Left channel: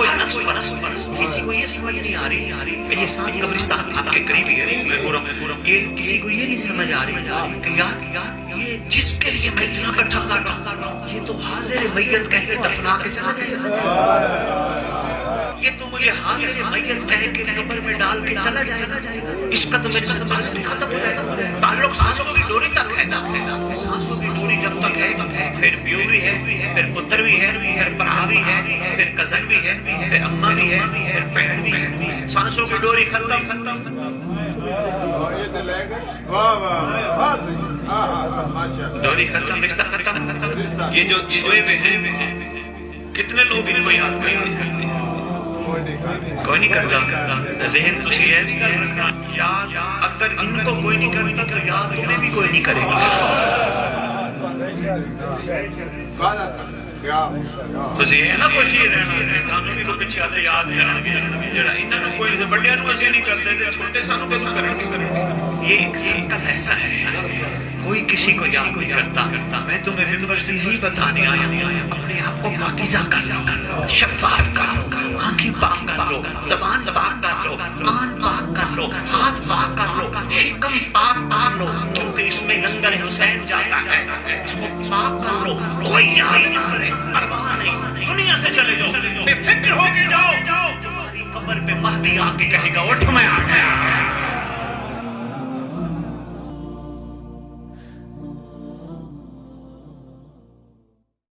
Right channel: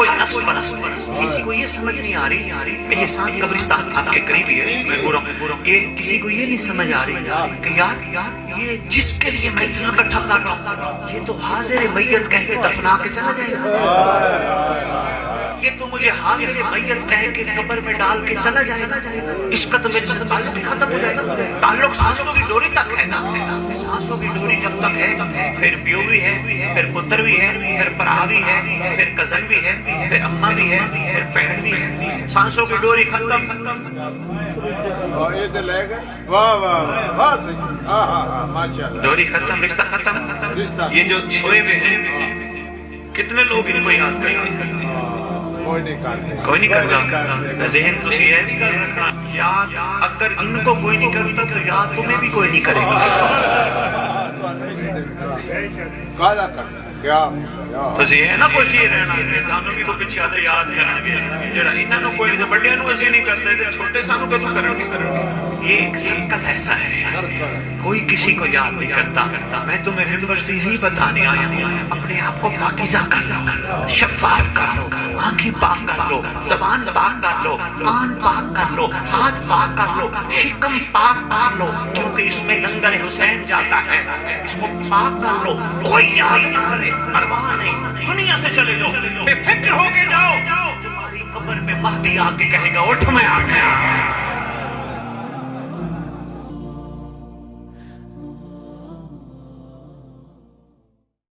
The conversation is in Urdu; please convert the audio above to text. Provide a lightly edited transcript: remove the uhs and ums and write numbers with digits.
کوئی نفس پرست کسی کو یہ سمجھ نہیں آ رہی یہ ساتھ قبرستان آپ کے قریب ہی ہے میں پورا یہ کسی کو یہ نہیں سمجھ آ رہی کہ یار یہ جس کے لیے میں اتنا کٹھا کر رہا ہوں یہ تو حاضر میت کہتے دفنا کے چلا گیا، یہ تو مجھے حاضر میت کہہ کے قبر میں ڈال کے چلا جائے گا، اس کا تو میرے ساتھ تعلق ختم ہو جائے گا۔ تعلق سانسوں کی ڈوری تک ہے نا، سانسوں کی ڈوری جب تک ہے پھر پیو بھی ہے، پھر پتر بھی ہے، پھر برا بھی ہے، پھر کزن بھی ہے، پھر اماں بھی ہے، پھر بہن بھی ہے، سانسوں کی ڈوری ختم۔ ڈوری ختم، رشتہ ختم۔ یہ جو چھوئے ہوئے ہیں کتنے لوگ ان کو یاد کریں؟ کوئی نہیں کرتا، ذہن تو یہ نہیں کرتا یاد، اگر ان کو کوئی نہیں کرتا تو یاد تمہیں بھی کوئی نہیں کرے گا۔ تو یہ ہے نا کوئی چیز رہنا انسانوں کی کو پیچھے آتے یاد کرنا جڑا انہوں کوئی بڑے ایسے نہیں کرتے چھوٹے سانوں کے کریں گے۔ یہ ایک سنت ایسا ہے کوئی کسی کو یاد نہیں کرتا۔ میں تمہیں ممبر سے یہی بتانے آیا ہوں اپنے آپ کو پاکیزہ کر لو، شفاف کر لو، آنکھیں پاک کر لو، زبان پاک کر لو، کان پاک کر لو، ہاتھ پاک کر لو، شکم پاک کر لو، کیونکہ اس میں لنگر حسین جاتا ہے۔ وہ پاک کر لو، کوئی یاد نہ کرے، پرواہ نہیں، دنیا سے چلے جاؤ، بے فکر ہو کے جاؤ۔ قبر پہ مہدی آ کے کہے گا اٹھ میں آ گیا۔